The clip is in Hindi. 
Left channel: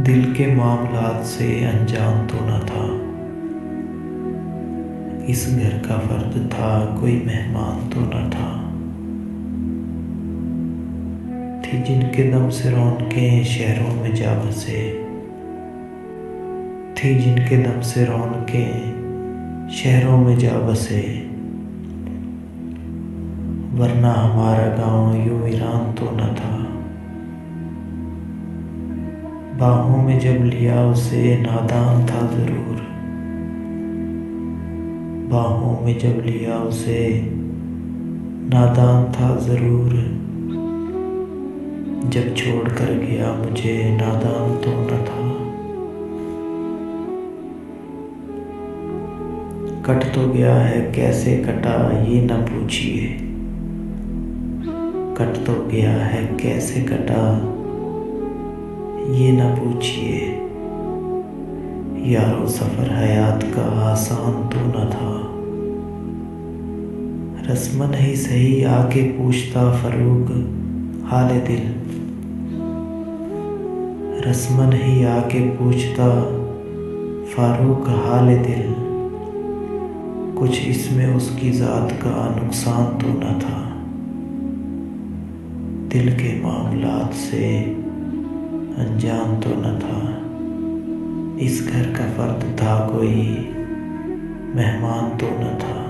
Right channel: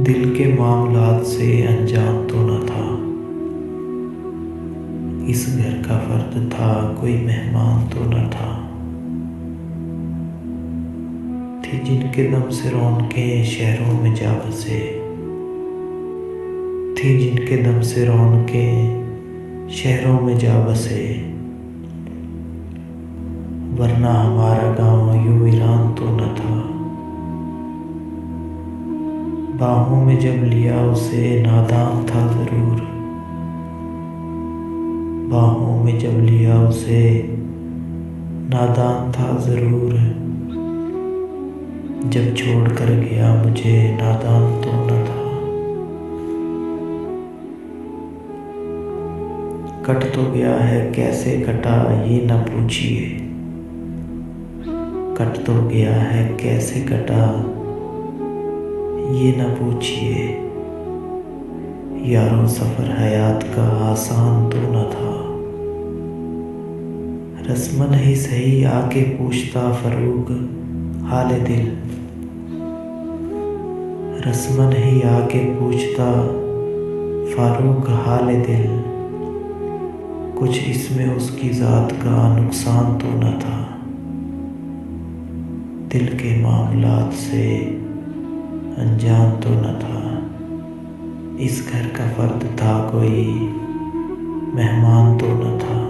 दिल के मामलात से अनजान तो न था। इस घर का फर्द था, कोई मेहमान तो न था। थी जिनके दम से रौनकें शहरों में जा बसे। थी जिनके दम से रौनकें शहरों में जा बसे। वरना हमारा गांव यूं वीरान तो न था। बाहों में जब लिया उसे नादान था ज़रूर। बाहों में जब लिया उसे नादान था ज़रूर। जब छोड़ कर गया मुझे नादान तो न था। कट तो गया है कैसे कटा ये न पूछिए। कट तो गया है कैसे कटा ये न पूछिए। यारो सफ़र हयात का आसान तो न था। रस्मन ही सही आके पूछता फ़रूक हाले दिल। रस्मन ही आके पूछता फ़ारूक हाले दिल। कुछ इसमें उसकी ज़ात का नुकसान तो न था। दिल के मामलात से अनजान तो न था। इस घर का फर्द था, कोई मेहमान तो न था।